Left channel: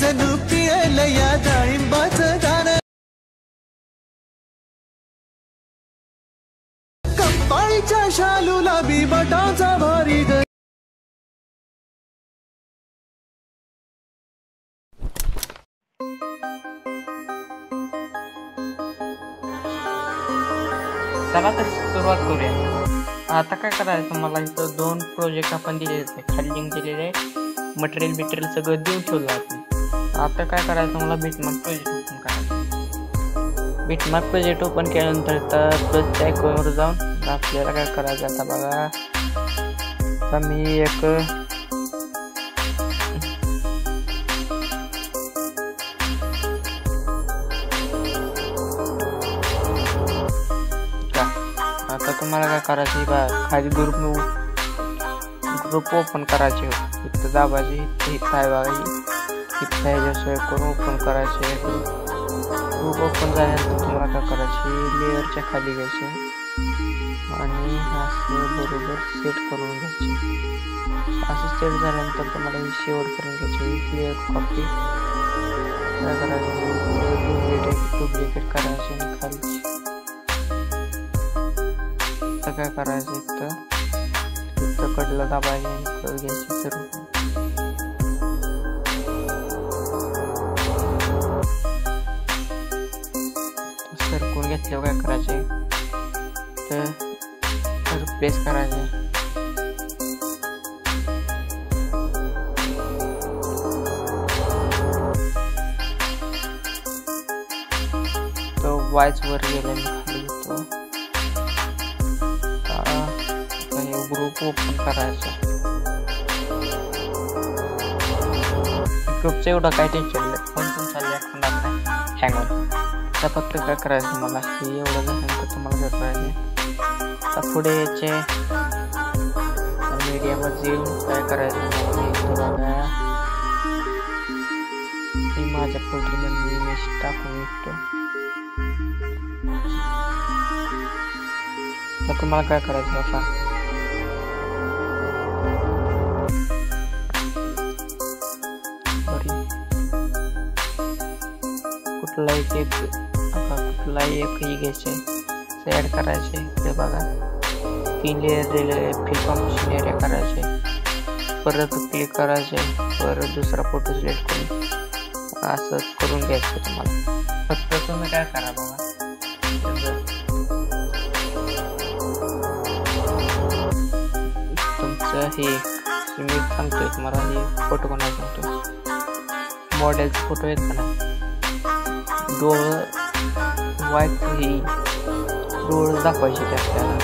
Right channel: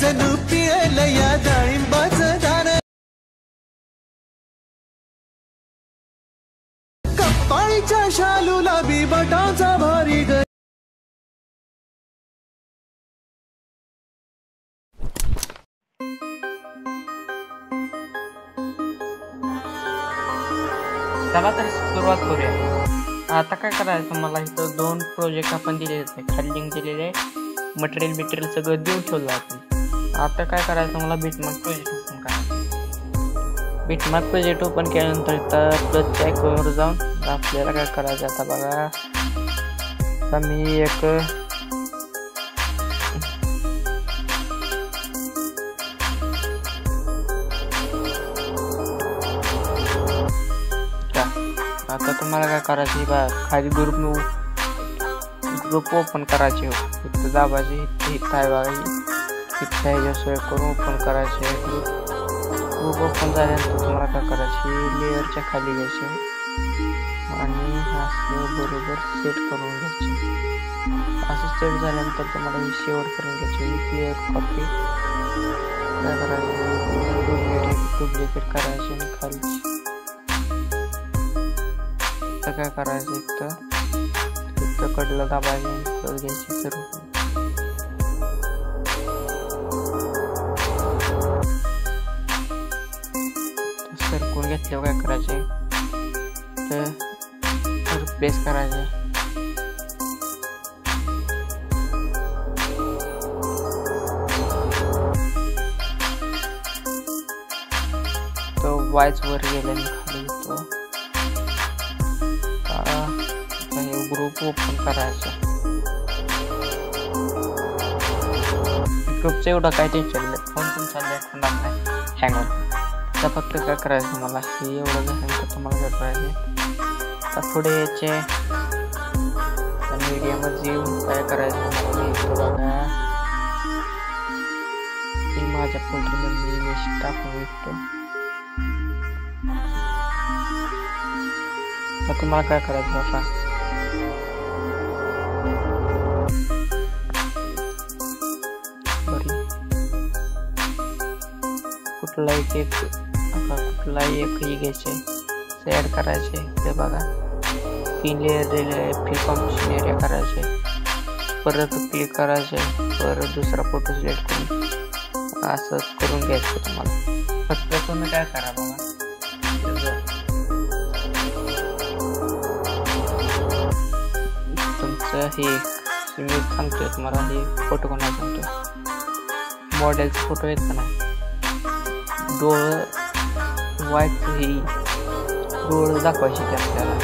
जणू पियलं या डाळिंबाचं दान, कपाळीच्या शालूला बी बटाचा भारी ग. चला तर सुरुवात करूया. आता काय करायचं, मला इथं 2 प्रोजेक्ट आपण दिलेले आहे, खाली लिंक दिलेले आहे, मटेरियल सगळं देऊन ठेवलं आपण. आता काय करायचं, मला बिटमार्क प्रोजेक्ट ओपन करायचं. बिटमार्क प्रोजेक्ट ओपन केल्यानंतर इथं प्लसच्या आयकॉनवर जाऊन आपल्याला काय करायचं आता बघा. आता मी एक आता तुम्हाला काय करायचे बा, खाली ग्रुप ओपन करायचे. इथं दाबायचे, इथं आहे बघा, इथं ह्याच्यावर करून ओपन करायचे. ग्रुप ओपन झाल्यानंतर तुम्हाला काय करायचे, लेअरच्या खाली घ्यायचे आणि असं बरोबर सेट करून घ्यायचे. असं सेट झाल्यानंतर तुम्हाला हे शेवट करून घ्यायचे. लेअर कॉपी काय करायचे, लेअर डुप्लिकेट करायचे आणि खालची काय करायचं, इथं कडलं दाबायचे आणि कट घ्यायची सर्व. सरकून घेतल्यावर काय करायचे, तर रिप्लेस करायचे. तो वायच वर गेल्याने खाली येतो. हे ग्रुप ओपन करायचं. ग्रुपचं एवढं काय टेन्शन नाही, फोन तुमचा होणार नाही, हँग होत. तर फक्त काय करायचं, मला हे एवढं झाल्यानंतर तुम्हाला काय करायचे, तर पुढे यायचे मीडियामध्ये येऊन काय करायचं मला, मी इथं बघा मी माझ्या फोल्डरमध्ये इमेज टाकून घेतो. तर तुम्हाला काय करायचं बाबा, कुठलाही एक ही घ्यायचे, ऍड करायचे. ते बघा 3 लेअर दिलेले, फिल कॉम्पोजिशन एरिया करायचे, परत क्लिक करायचे, परत दुसरा फोटो सिलेक्ट करून असं करून घ्यायचं. तुम्हाला फक्त तुम्ही काय करा बघा, तुमचं हे मी सांगतोय तुम्हाला, हे फोटो कोणाला सांगतोय, मॉडेलचा फोटो आहेत का नाही, डोळं व्हाईट ही डोळं दाखवायचे ते आपल्याला.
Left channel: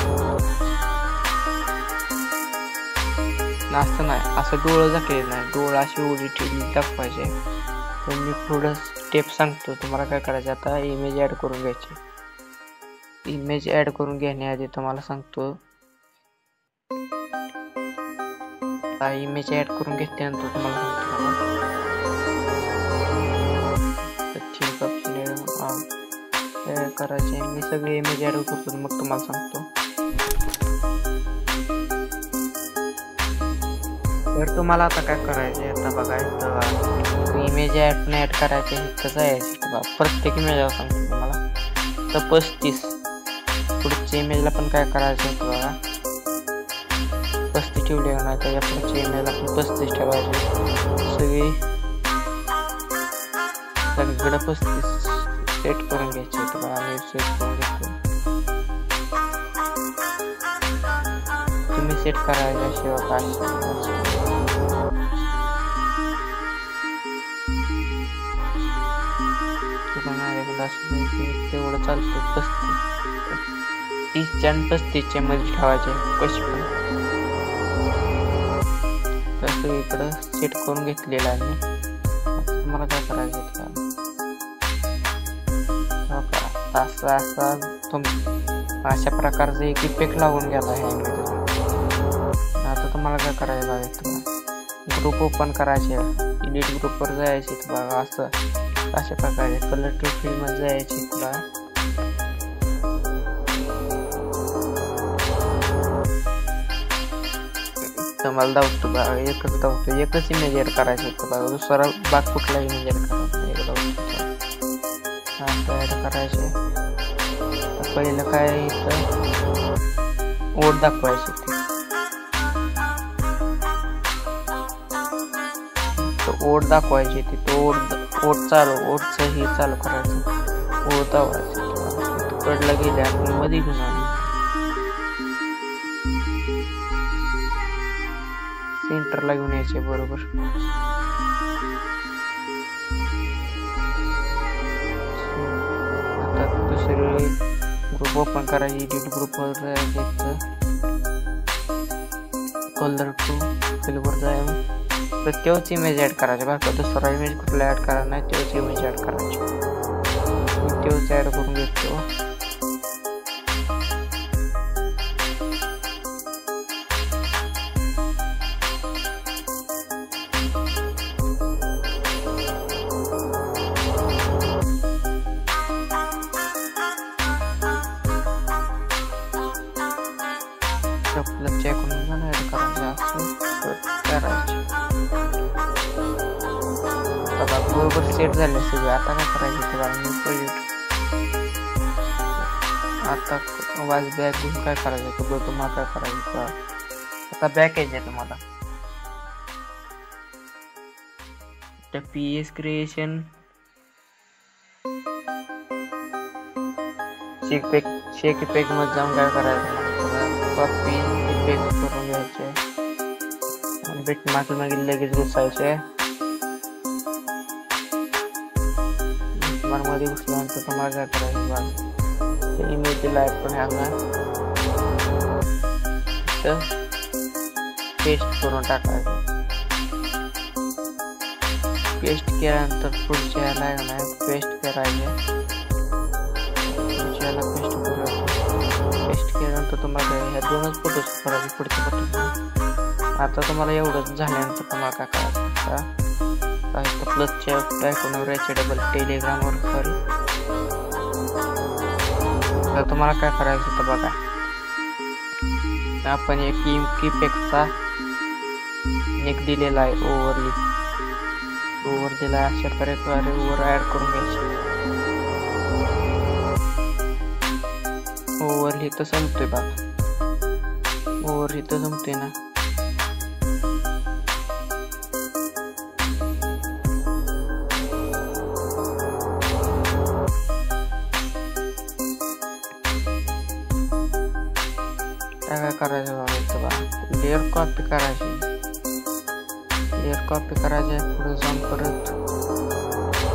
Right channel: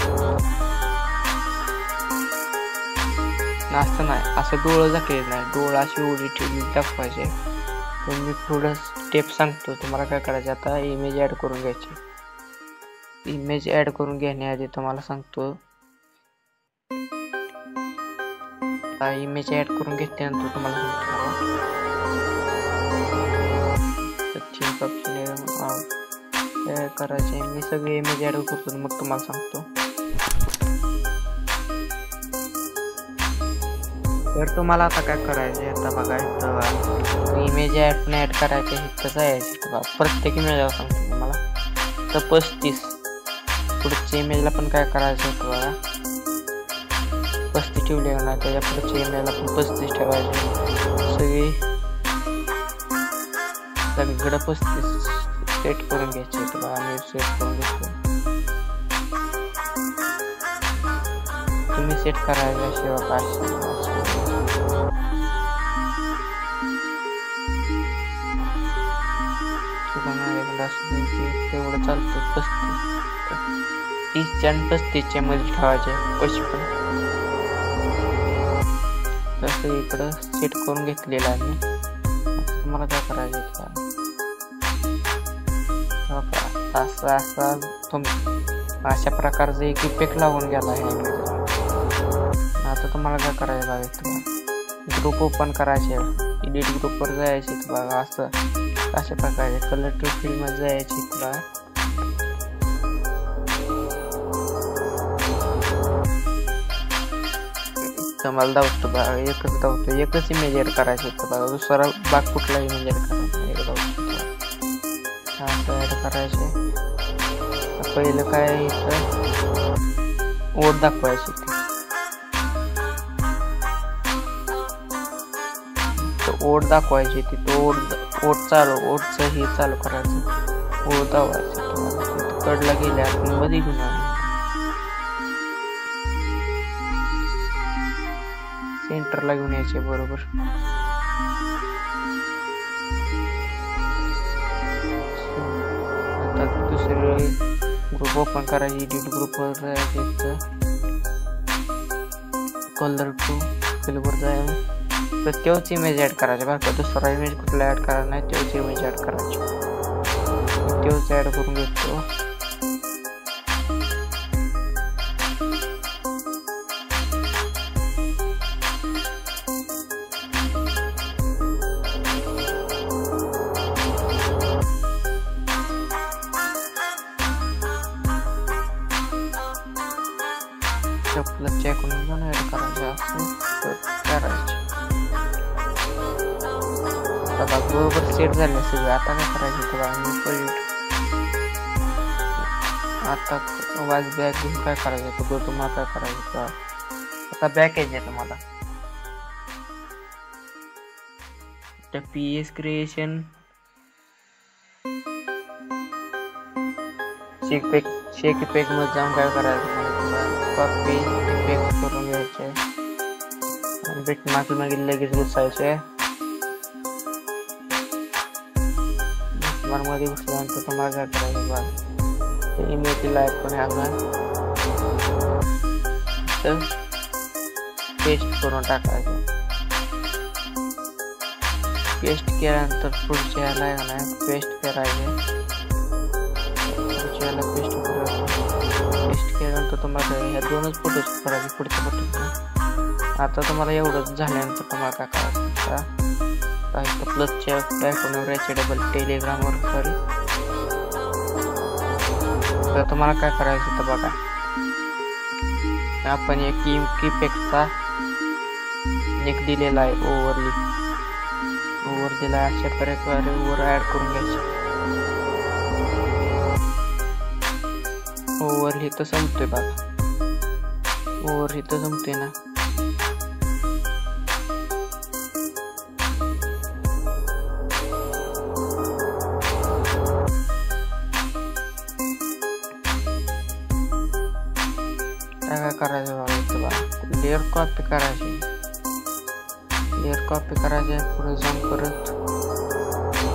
असं नाही, असं डोळं दाखवले नाही, डोळं अशी उडी ठेवली दाखवायचे. तर मी पुढं स्टेप सांगतो तुम्हाला काय करायचं. आता इमेज ॲड करून घ्यायची. इमेज ॲड करून घेण्याआधी तुम्हाला सांगतो, आता इमेज ॲड करून घेतल्यानंतर तुम्हाला सांगतो मला थीम ऑप्शन करायचे. मी सगळे इमेज ॲड करतो मग तुम्हाला सांगतो. तर तुम्हाला आता काय करायचे, आता बघा इथं इमेज ॲड करायचे, इथं जायचे. प्रत्येक इमेजला सांगतो तुम्हाला. तर 35 पुढच्या इमेजला पण काय करायचं आहे बघा, 35 ठेवले ना, त्याच्या पुढच्या इमेजला पण 35 ठेवायचे. सगळीकडे 35 सेट करून घ्यायचे. तर बघा मी सेट करून घेतो, तुम्ही सेट करायचे असे बघा, असे तेवढं चालतं. 30च्या आणि 35च्या मध्ये ठेवायचे कशी पण. तसं इकडं सेट करून घेतलेलं आहे मी. आता तुम्हाला काय करायचं का, अशा प्रकारचा एक इफेक्ट लागून गेला आहे इमेजला. आता तुम्हाला काय करायचं बघा, ग्रुप ओपन करायचे, एडिट ग्रुपवर जायचे बघा, असं अशा प्रकारे कलर टू फिल्ड मध्ये जायचे. तुला तुम्हाला धावतो बघा, एकच धावतो, एकच इमेज ऍड करायची इथं बघा, दुसरा बाग कुठला इमेज ऍड करा, एक धावतो असं ऍड करायचे. तर पहिलं काय इथं ओट दाखवायची ती, तो ओट दाखवायची ती, तो ओटचं हे चालू करायचं, ओट दाखवायची तुम्हाला कडला गेले आपण मध्ये घेऊन आले, सेंटरला घेऊन यायचे बरोबर. आता दुसरे ग्रुप ओपन करायचे, एडिट ग्रुप वर जायचं, कलर टू फिलवर जाय, तर तेच इमेज ऍड करायचे बरं का, दुसरा इमेज कुठला ऍड करायचा नाही, तेच इमेज ऍड करायचे. मी तेच ऍड करून घेतो. आपलं चेक करून ऍड करायचे असं करायचे. आता बरोबर सेट झाले सगळे. आता काय करायचे तर न्यू प्रोजेक्ट, आता वाज बॅक घेऊन काय करायचं तर तुम्हाला काय करायचं, आता बॅक यायचे तुम्हाला त्या PS क्रिएशन शेक इफेक्ट मध्ये जाऊन काय करायचं मला इथं कॉपी इफेक्ट करून घ्यायचे आणि बिटमार्क मध्ये लगेच घुसायचे. बिटमार्क मध्ये घुसल्यानंतर तुम्हाला काय करायचं बघा, ते इमेज लाईट पण ह्याला पेस्ट करून टाकायचं. पेस्ट केल्यानंतर पुढच्या ह्याला आहे ना पेस्ट करायचे, पुढच्या ह्याला पेस्ट करूया. पेस्ट केल्यानंतर तुम्हाला ह्या दोनच फोटो करायचे पुढच्या फोटो. आता तुम्हाला एवढंच झाल्यानंतर तुम्हाला काय करायचं, तर प्लसच्या आयकॉनवर यायचे डबल टेलिग्रामवर सॉरी. तर तुम्हाला काय करायचं तर बघा, आपण एक कीपॅडचा एक दिलेला आहे ओव्हर दिला आहे, अशा प्रकारे ओव्हर ऍड करून घ्यायचे. ओव्हर इथं संपतोय बघा, ओव्हर इथं संपतोय ना. काय करायचं बघा इथं बघा, लेअर कॉपी करायची, लेअर कॉपी करायचे, पुढे जाऊन परत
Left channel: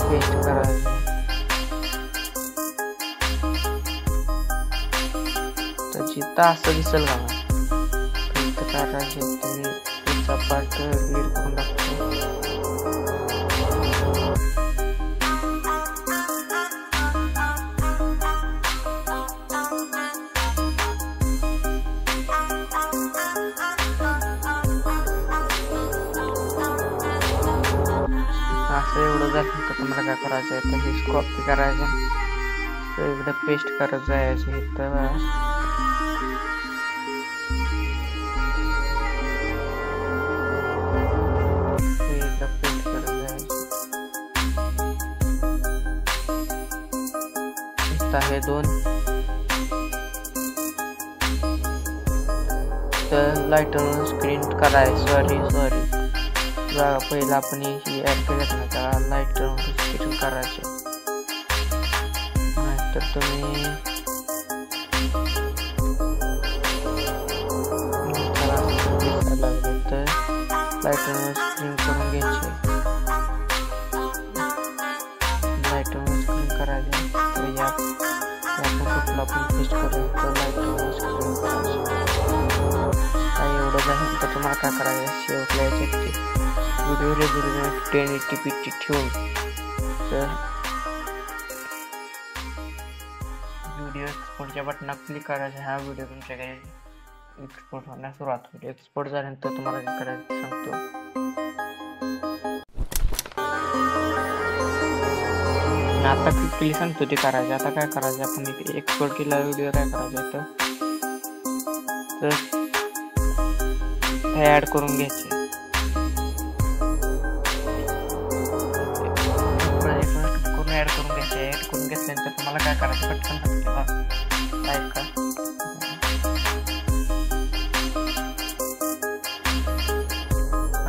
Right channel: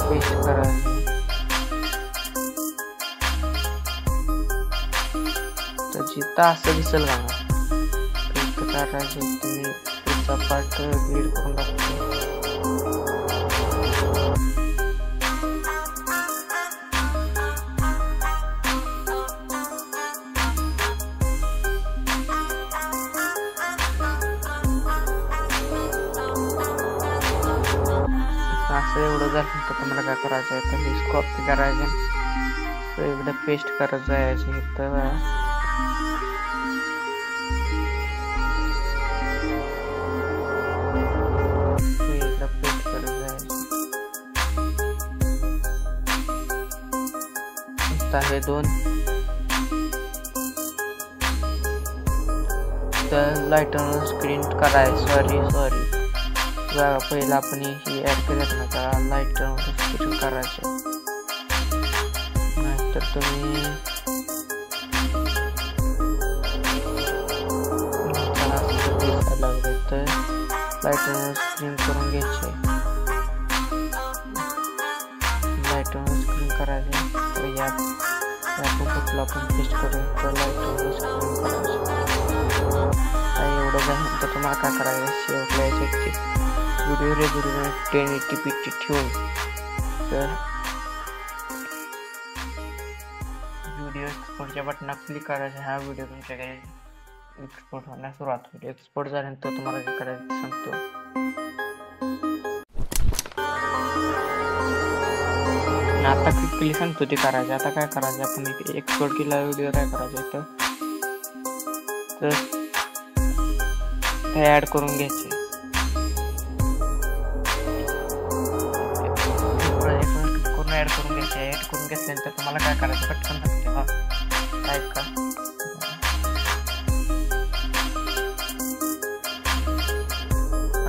पेस्ट करायचे. तर जिथं असं दिसेल का तर इथं करायचे, तुम्ही पुढचा पार्ट लीड करून टाकतो. असं एवढं झालं तर तुम्हाला काय करायचं आहे, तर हे कॉपी करायचे, तर इकडे पेस्ट करत जायचे इथं पेस्ट करत जायचे. आता हे दोन तर लाईटर स्क्रीन करायचं, सॉरी बघा पहिला आपण ही ऍड केलं ना त्याला लाईटर स्क्रीन करायचे, नाहीतर तुम्ही त्याला असं दिसायला लागलं तर लाईटर स्क्रीन करून घ्यायचे. लाईटर स्क्रीन करायचे, तर यात आपण कुठला आपण पेस्ट करू तर लाईटर स्क्रीन करायचे. काही एवढं झालं तर तुम्हाला काय करायचं, शेवटला याचे व्हिडिओ रेझोल्यूशन 1080p ठेवून तर व्हिडिओ एक्सपोर्टच्या बटनावर क्लिक करायचं. हा व्हिडिओ तुमच्याकडे एक्सपोर्ट होण्यास सुरुवात होईल. एक्सपोर्ट झाल्यानंतर तुम्हाला काय करायचं सांगतो. आता क्लिकली सांगतो ते करायचं. आता काय करायचं, आपण एक्सपोर्ट केला व्हिडिओ काय करायचं तर ते ऍड करून घ्यायचे. प्रोजेक्ट करून ऍड करून घ्यायचे. ऍड करून घेतल्यानंतर तुम्हाला काय करायचं पटकन सांगते बा. ऐका.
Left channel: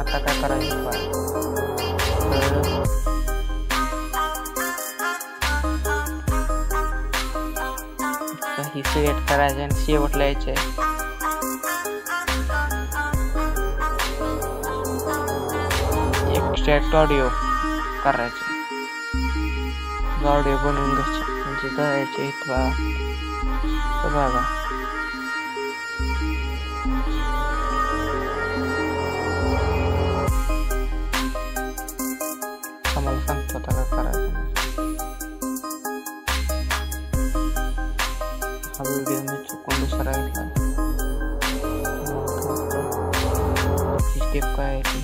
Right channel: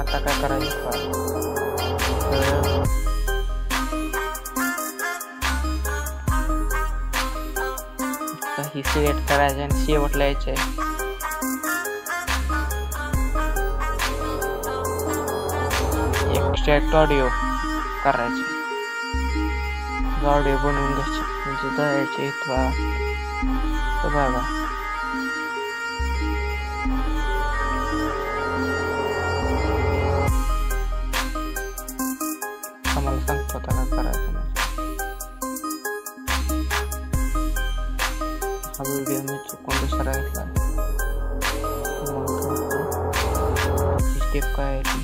आता काय करायचं बा, तर ही सिलेक्ट करायचे आणि शेवटला यायचे. एक्स्ट्रॅक्ट ऑडिओ करायचे. ऑडिओ बनवून घ्यायचे म्हणजे जायचे इथं बघा. आम्हाला सांगतो आता काय करायचं. हा व्हिडिओ मी चुकून दुसरा घेतला. तुम्हाला त्याची स्टेप काय आहे ती.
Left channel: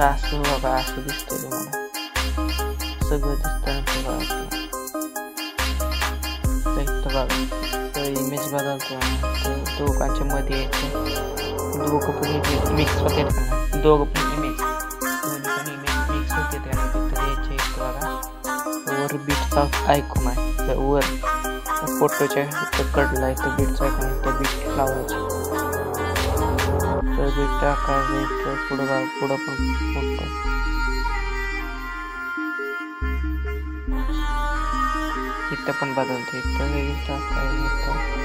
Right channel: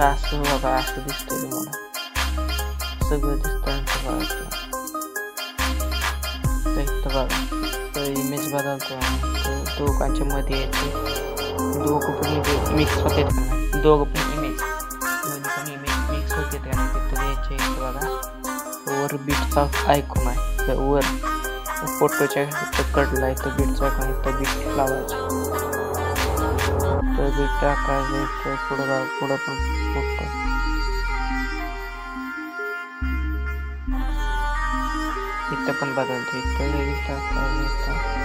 असं बघा, असं दिसतंय तुम्हाला सगळं दिसतंय. इथं बघा तर इमेज बदलतो. तर दोघांच्या मध्ये यायचे. दोघं पण मिक्स होते का नाही, दोघं पण इमेज दोन्ही पण इमेज मिक्स होते का नाही तिथं यायचे. इथं बघा वर बीटचा आयकॉन आहे. तर वर फोटोच्या इथं कडला इथं बीटचा आयकॉन, इथं बीट लावायचे. तर बीट टाकायचं इथं पुढं पण फोटो. इथं पण बदलते. इथं लगेच टाकायचं. इथं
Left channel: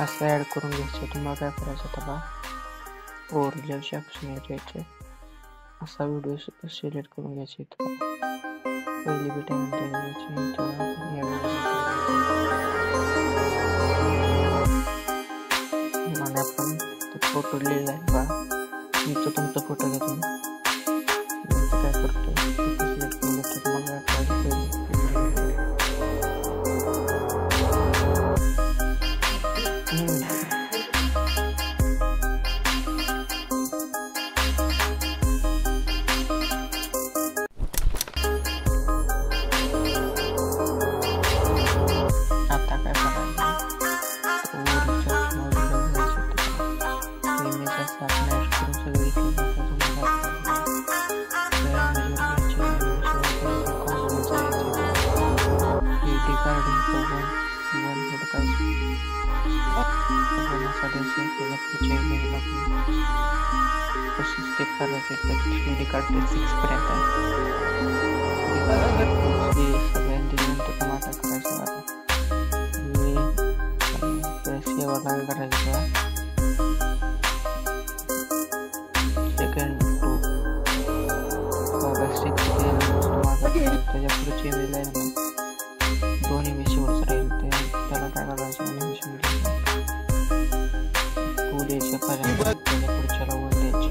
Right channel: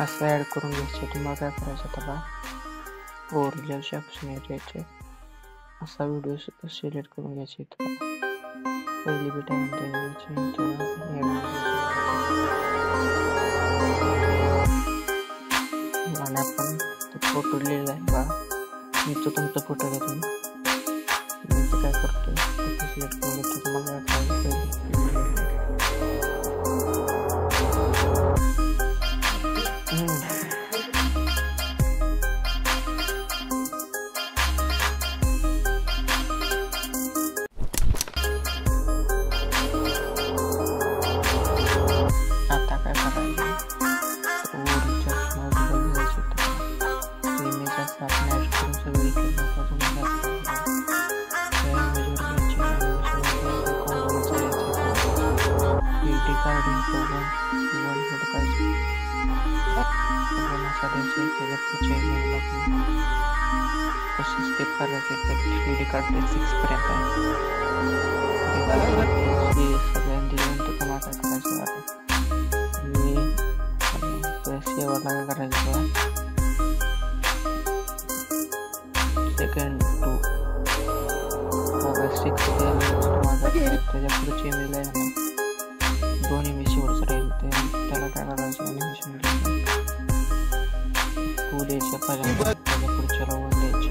असं ऍड करून घ्यायचे. तुम्हाला काय करायचं आता बा, ओरिजिनल ऑप्शन यायचे. असा व्हिडिओ सिलेक्ट करून घ्यायचे. पहिली बीट आणि आपण फोटो लिहिला आहे बा. तुमचा फोटो घ्या तुम्ही. काय करतो सिलेक्ट करून घेतो. तुम्हाला काय करायचं आता काय करायचं, ओरिजिनल ऑप्शन घ्यायचे. इमेज असं आपण ऍड करून सगळं इकडे तुम्हाला त्या इमेजवर घ्यायची. ॲनिमेशन कॉम्पोमध्ये जायचे. एडी कार्ड इथं वन फोटो काढायचे. आपण असा द्यायचे. त्याच्या पुढच्या इमेजला आपण तशी स्टेप करायचे. तर 3D कार्ड 6 पर्यंत आहे. सगळ्यांनी दिल्यानंतर तुम्हाला काय करायचं आता, मी सेवाला काय करायचं बघा. सेकंड 2 बघा 6 त्यानंतर तुम्हाला त्याच्या पुढची इमेज आहे ना, 2 इमेज शेवटचं राहील. त्याला काय करायचं, ॲनिमेशन द्यायचं. 2 द्यायचे पहिल्यांदा, त्याच्या पुढच्याला 1 द्यायचे.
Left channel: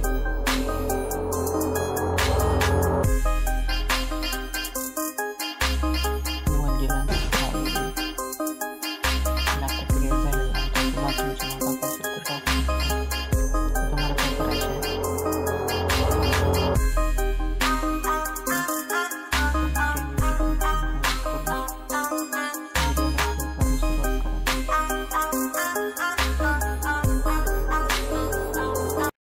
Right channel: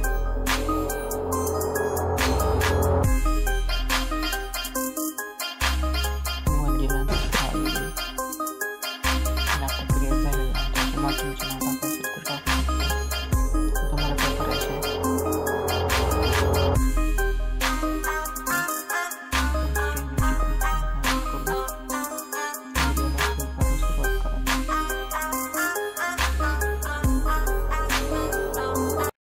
आता क्रिएट झालेला आहे. तुम्हाला तुमच्या नावाचा